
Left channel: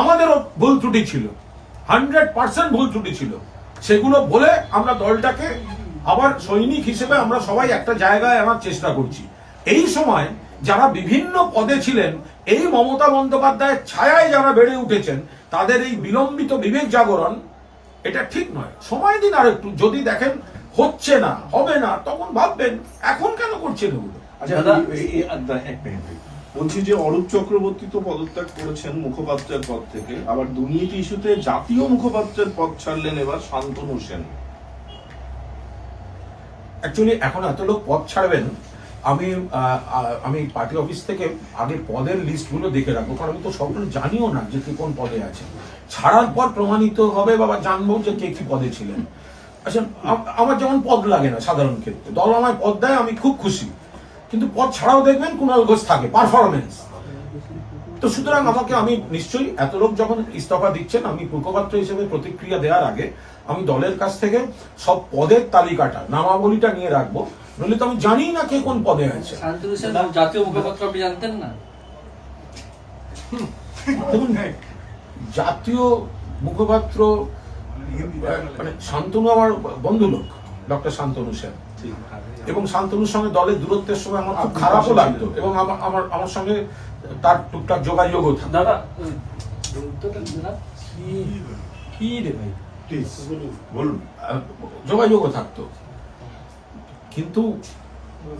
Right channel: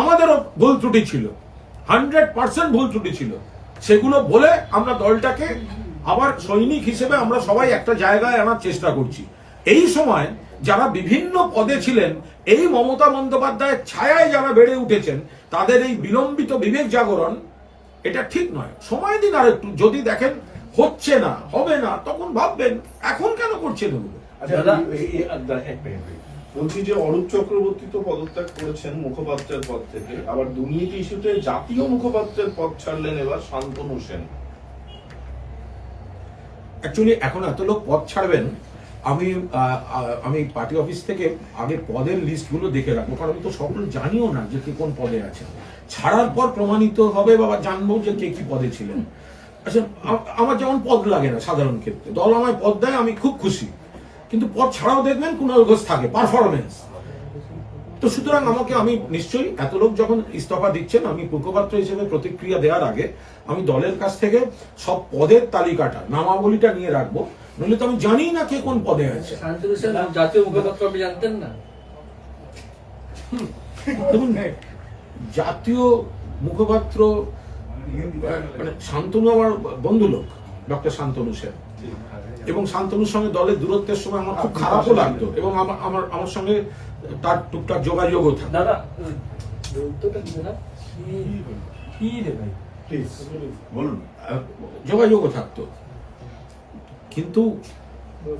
আমাদেরও ভুল ত্রুটি ছিল, 100% ভুল ত্রুটি ছিল। সেগুলো বলে আমরা দলটাকে আবার সৈনিক হিসেবে আমরা সবাই একটা জায়গায় আনার চেষ্টা করছি। এই সময় যারা বিভিন্ন পদে ছিলেন, এই মমতা বন্দ্যোপাধ্যায়ের ছায়ায় যারা বেড়ে উঠেছেন, তাদের এই বিলম্বিত বিবেক জাগরণ এটা ঠিক নয়। সময় দিন আর একটু, যদি দেখেন হচ্ছে না, হবে না, তখন ভাববেন। এখন কেন করছেন ওগুলো? আচ্ছা, বলছি যে অরূপ চক্রবর্তী তো পদত্যাগ করেছেন মুখপাত্রের পদ থেকে, আবার দুর্নীতি ইস্যুতে জাতীয় মুখপাত্রের পদ ছাড়লেন এবার শান্তনু সেন। অ্যাকচুয়ালি এখন এত লোক পদ ছাড়বেন, আমি পার্টি অফিস থেকে আগের পদের লিস্টগুলো দেখে রাখবো, কারণ আমি তো সবগুলো জানিও না যে কে কোন পদে আছেন। ছাড়ার পর প্রমাণিত হবে বা জানবো যে কে কি পদে ছিলেন। আচ্ছা, আমার যেমন পদ লাগে না সাধারণ ক্ষেত্রে, দল আমায় পদ দেয়, আমি খুব খুশি, কিন্তু পদ ছাড়াও দেখবেন কুণাল ঘোষ থাকে, পারফরমেন্স। তো সুতরাং আমি নিশ্চয়ই এত লোক যখন ইস্তফা দিচ্ছেন, আমি মুখপাত্র হিসেবে প্রতিক্রিয়া দেওয়ার আগে আমি দলের কাছ থেকে সব পদের তালিকাটা, নামাবলীটা নিয়ে রাখবো, নইলে তো আমি জানি না কে কোন পদে আছে। শান্তনু সেন জাতীয় মুখপাত্র আপনি জানতেন না? দেখুন, জাতীয় মুখপাত্র মানে শান্তনু আমার বন্ধু লোক, ডক্টর শান্তনু সেন, এবং শান্তনুর সঙ্গে দলের দূরত্বের সময় আমার খুব খারাপও লাগতো, এবং আমার সঙ্গে তার টুকটাক যোগাযোগও থাকতো। যোগাযোগও থাকতো, কিন্তু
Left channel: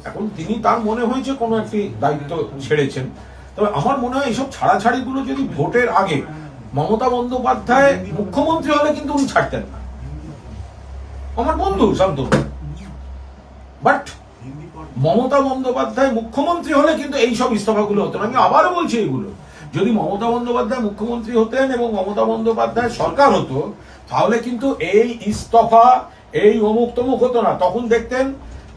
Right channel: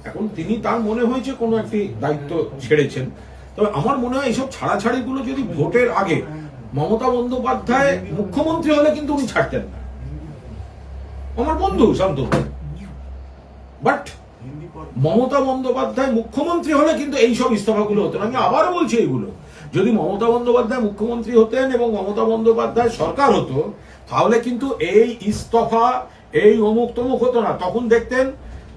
এখন তিনি তার মনে হয়েছে কোনো একটি দায়িত্ব ছেড়েছেন। তবে আমার মনে হয় এইসব ছাড়াছাড়িগুলো যদি ভোটের আগে মমতা বন্দ্যোপাধ্যায় মুখ্যমন্ত্রী হলে কিন্তু উনি ছাড়তেন না। আমার বন্ধু শান্তনু, বাট মমতা বন্দ্যোপাধ্যায় মুখ্যমন্ত্রী হলে কিন্তু এইসব ইস্তফাগুলো হতো না। আমি আবারও বলছি, এগুলো যদি মমতা বন্দ্যোপাধ্যায় মুখ্যমন্ত্রী হতেন এবং মমতা বন্দ্যোপাধ্যায় সরকার হতো, তাহলে কিন্তু এই ইস্তফা, এই অমুক তমুক হতো না। তখন দেখতেন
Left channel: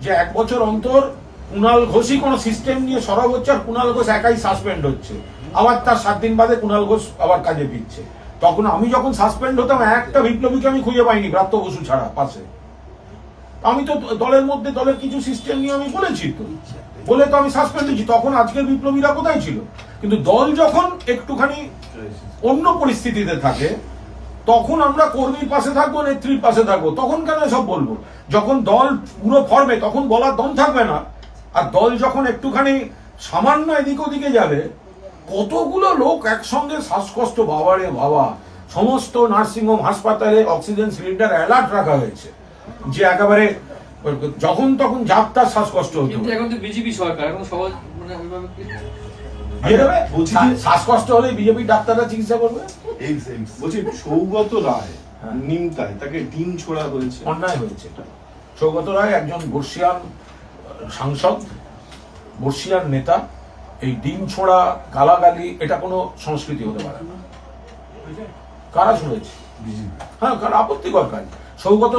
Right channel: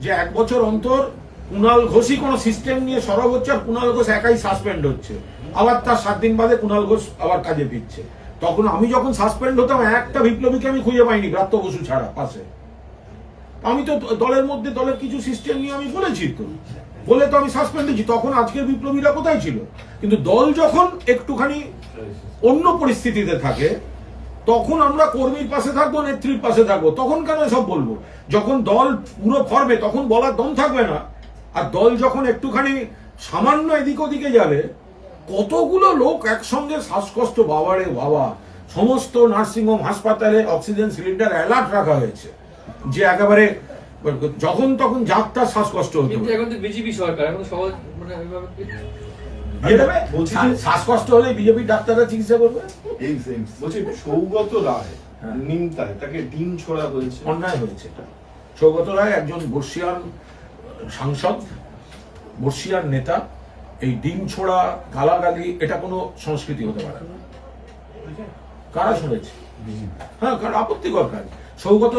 যে 1 বছর অন্তর কুণাল ঘোষই কোনো সিস্টেম নিয়ে সরব হচ্ছে, আর কুণাল ঘোষ একাই সাসপেন্ড হচ্ছে, আবার তার 7 দিন বাদে কুণাল ঘোষ আবার কাজে ফিরছে। তখন আমি যখন সাসপেন্ড হতাম, একটা বিপ্লবীকে আমি খুঁজে পাইনি ব্রাত্য বসু ছাড়া পাশে। আমি তো দলের মধ্যে দলের কিছু সিস্টেম নিয়ে আমি বলেছি, তো বলে তো আমি সাসপেন্ড হয়েছি। তখন আজকের বিপ্লবীরা কোথায় ছিল? কিন্তু দল যখন একটুখানি অন্য পরিস্থিতিতে থাকে, তখন আমরা কর্মীর পাশে থাকবো, নেত্রীর পাশে থাকবো। তখন কেন এসব বলবো? যখন দল পুরো ফর্মে, তখন বলার দম থাকবে না। আর দল যখন একটুখানি সামান্য এদিক ওদিকে যাবে, কতগুলো লোক একসঙ্গে শ্বাসকষ্ট, বাবারে বাবা, সমস্ত নার্সিংহোম হাসপাতালে অক্সিজেন সিলিন্ডার অ্যালার্ট রাখা হয়েছে, যে একেবারে যখন তখন যাত্রা শ্বাসকষ্ট হতে কিন্তু পারে। এখন তো বিজেপি সরকার, এখন সহজ মানে ওইভাবে দিয়ে দেবে, শ্বাসকষ্ট হলে বিজেপি ডাক্তাররা চিকিৎসা করবে। বলছি সৌগত রায় নিমতায় তাকে ডিম ছোড়া বলেছে, অন্যায় হয়েছে এটা। সৌগত রায় একজন বর্ষিয়ান সাংসদ, বর্ষিয়ান নেতা। এই ডিম ছোড়া, গালাগালি, এটা কোনো সংস্কৃতি হতে পারে না। কারা ছড়েছে? হ্যাঁ, কারণ আপত্তিকর কাজ। সৌগত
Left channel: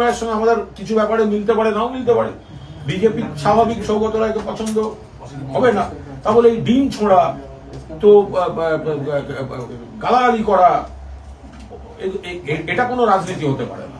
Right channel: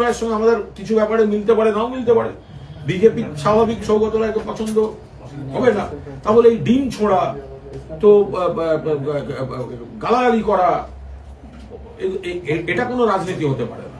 রায়ের সঙ্গে আমাদের কিছু ব্যাপারে মিলতে পারে, নাও মিলতে পারে। বিজেপি স্বাভাবিক সৌগত রায়কে পছন্দ হবে না, তাহলে এই ডিম ছোড়া, তো গালাগালি করা, এটা কোনো রাজনীতি হতে পারে না।